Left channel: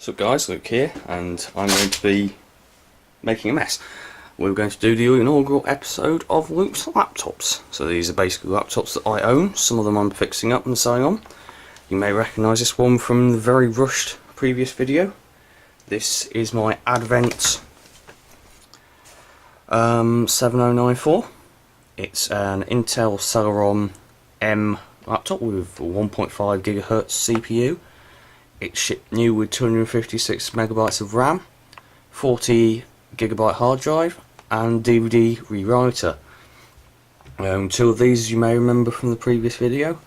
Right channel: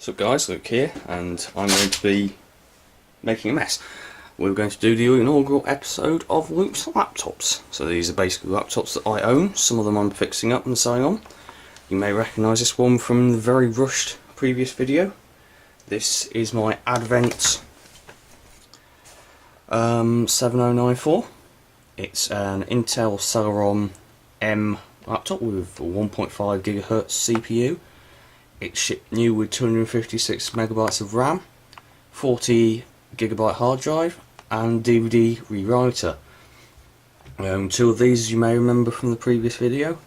So guys, Luke here, and I'm going to be making a mess. We're going to do the inaugural episode of Luke's laptops. So these are basically laptops that I own. Some of them I'm fixing up and selling on. You may recognise this one from the very rushed previous video. This is my Advent 7094. It's an Intel Celeron M laptop with a 1.5 GHz CPU. It's shipped new with 256 megabytes of RAM, 40 gigabyte hard drive, and DVD rewriter. Two of these you may remember from the previous video.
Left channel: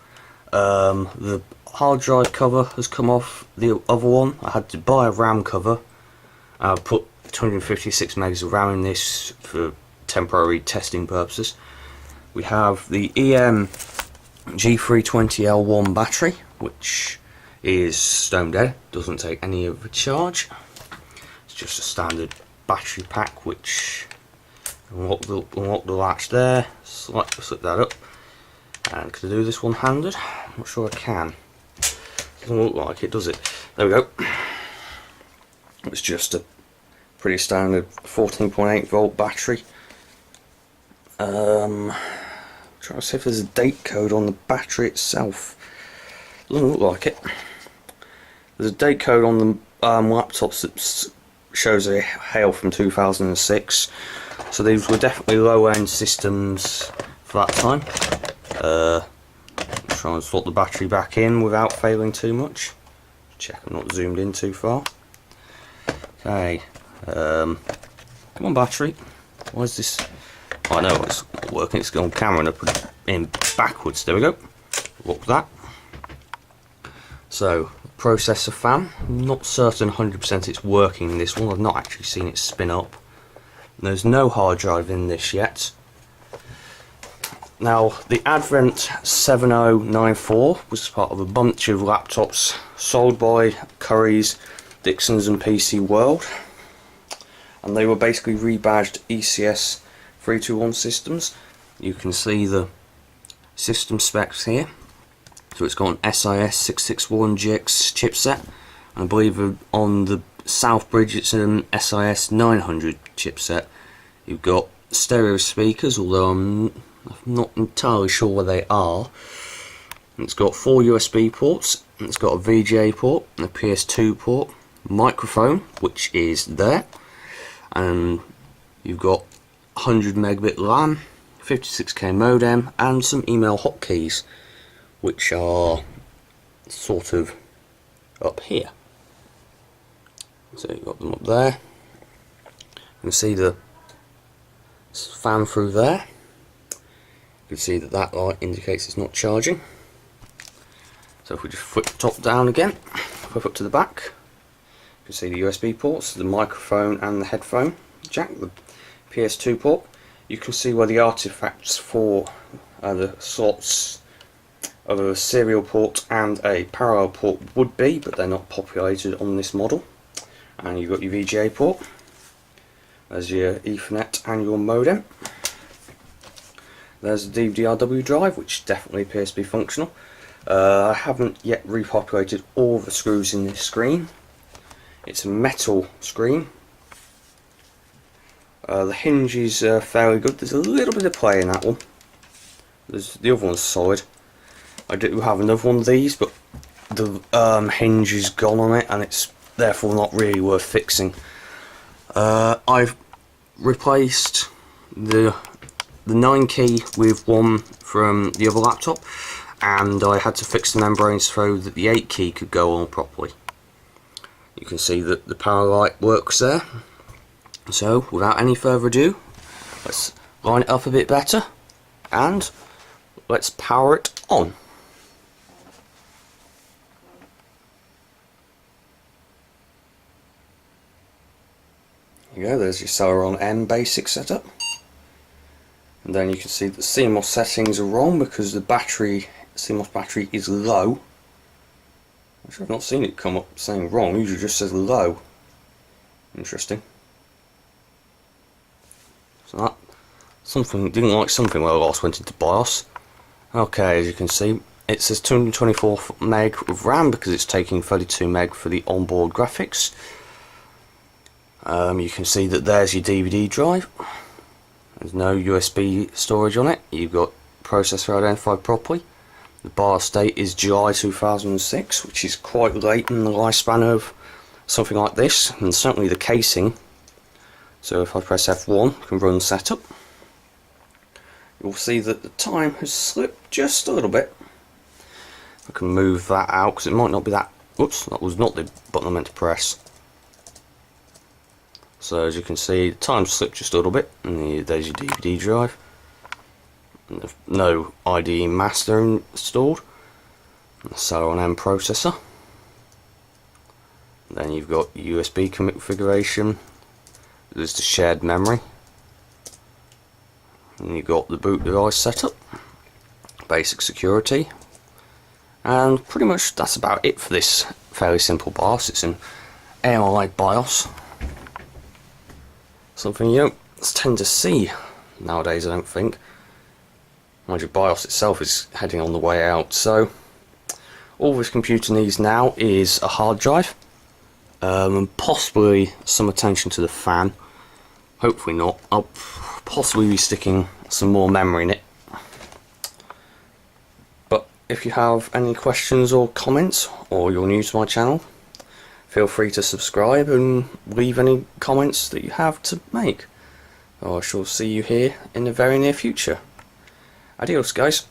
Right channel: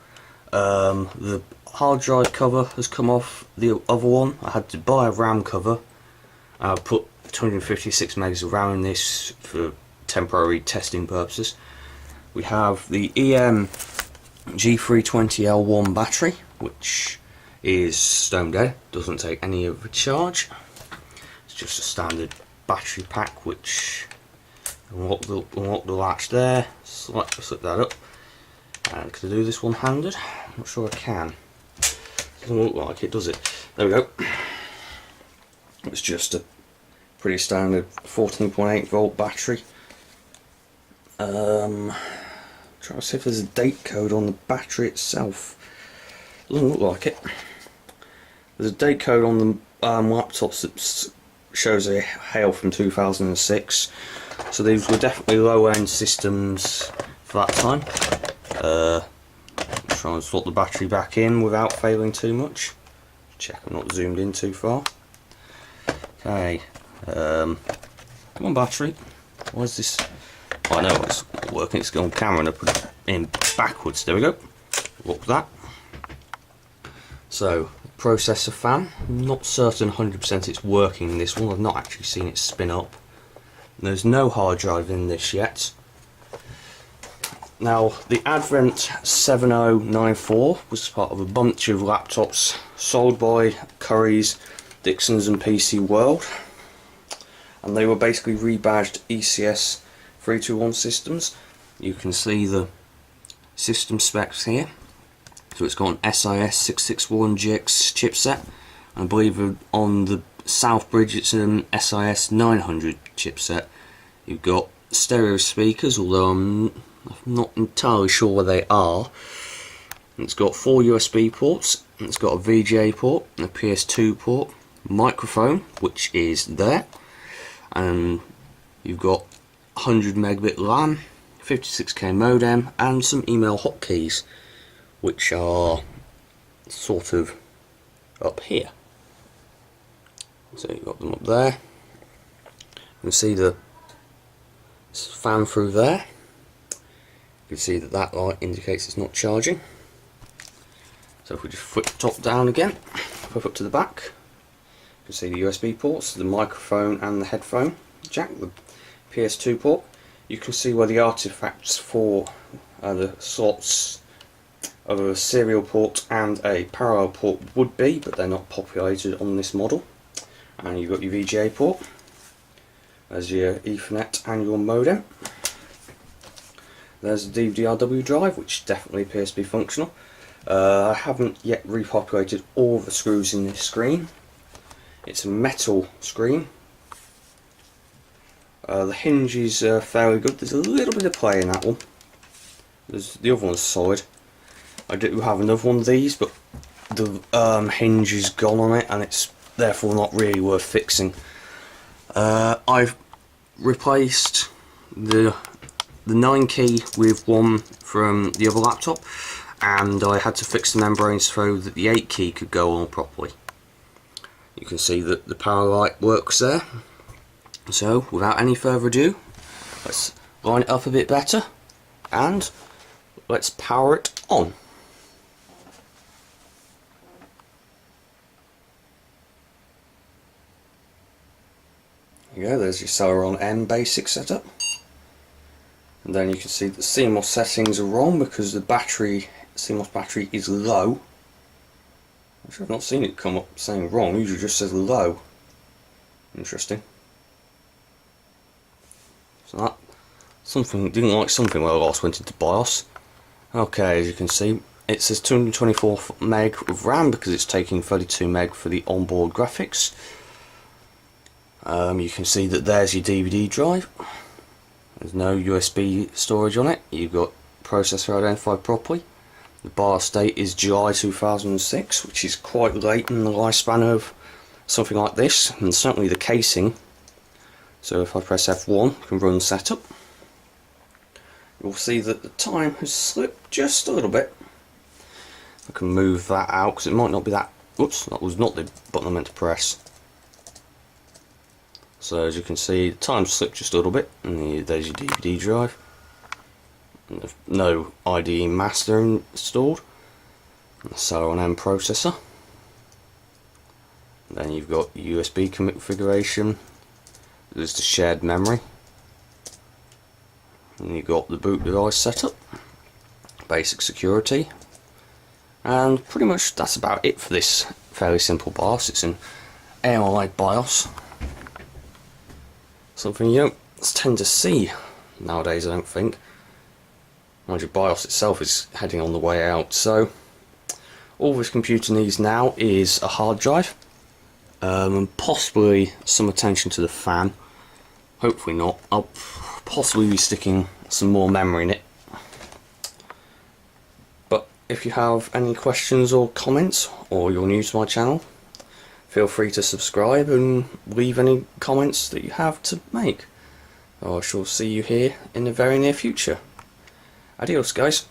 The hard drive cover has come off the other one. I had to buy a RAM cover. I put 256 megs of RAM in this for temporary testing purposes. We have the EM G320L1 battery, which is stone dead, doesn't take any of the charge. It's just a standard battery pack, which unlock the latch there, slip that up. And can I do this one handed? I'm not sure I can. Doesn't look like it, does it? There we go. It's just a pretty standard 14.8 volt battery. Trying to see if there's a date code on the battery itself. Doesn't look like it. There's a date code on the laptops that shows a hail from 2006, so these were definitely low-end systems for that time. Trying to slot the battery back in without failing too much. Check I'm not zoomed in too far. Okay, come on battery. Why is this? Oh, I know it's working. It's on camera and I put it in backwards. There we go. Look at that. So, processor fan, I'm not certain 100% it's working in this one. I've not actually seen it spin up. And there's no hard drive in this yet. Now, the Advent 7094 was part of a bunch of laptops sold by Curry's, Dixons and PC World. And they were basically rebadged ECS 321 systems. You can see the system specs here. So it's got an SIS 661GX chipset, and I believe on the South Bridge it's an SIS 900 chipset. You've got stereo speakers, although I'm not entirely sure where they are. And it's got 4 USB ports, and it's got a VGA port, and a PS2 port, microphone, which is there, and you've got 100 megabit LAN, 56k modem, and some email hotkeys, which are sort of up here. So you've got them up there. You can see the fan through there. You can see that light indicates it's not charging. So if we just flip the top down again, flip up to the back, you can see the USB ports, the microphone and the headphone jack, the PS2 port. You can see where the artifacts for the slots of a serial port and a parallel port would be, but they're not populated on this model. And you've got your VGA port, there's your Ethernet and your modem. There's the DVD-RW drive, which definitely appears to be functional. I haven't yet repopulated all the screws in this screen. It's a metal screen. The hinge is fairly good. There's a little bit of play in that one. The other one's solid. I do have another one of these, but the hinge is gone on it, and it's therefore not really worth fixing. I've replaced the 9 key with one from the other laptop, and I had to fix the membranes so that the 8 key could go on properly. You can see that the power light works there. So, without any further ado, let's line it up a bit better, and let's power it on. There you go, there's your Celeron M basic setup. And then you can see the CMOS settings are wrong because the CMOS battery is low. Actually, I've not seen it come up saying wrong, usually just says low. Interesting. So that didn't like something when I last went into BIOS. Okay, as you can see, It says 224 meg of RAM because it's taking 32 meg for the onboard graphics. You can see that there's your DVD drive. There's no USB storage on it. You've got processor identified properly. The BIOS date is July 2006, which is quite late in the lifespan of something like this, and certainly the casing. So if I press F1, I can run setup. You'll see that the time has slipped just a little bit. I can move that out because it might not be that. Whoops, that was not the button I meant to press. So as you can see, the time slipped just a little bit, and there's your DVD drive. No IDE master installed. The Celeron M processor. Then you've got USB configuration. There's the shared memory. And you've got the boot device setup, basic security, and pretty much that's about it for this fairly simple BIOS. It's an AMI BIOS. Something you don't tend to see nowadays, I don't think. Mind you, BIOS itself is heading on the way out. So all this computer needs now is a hard drive, and possibly some attention to the fan. Hopefully not. I'll possibly be sticking some more memory in it. But if you have any questions or comments, or you're new to my channel, feel free to subscribe and leave any comments that you have to make. I shall see you here in the very near future. Adios, guys.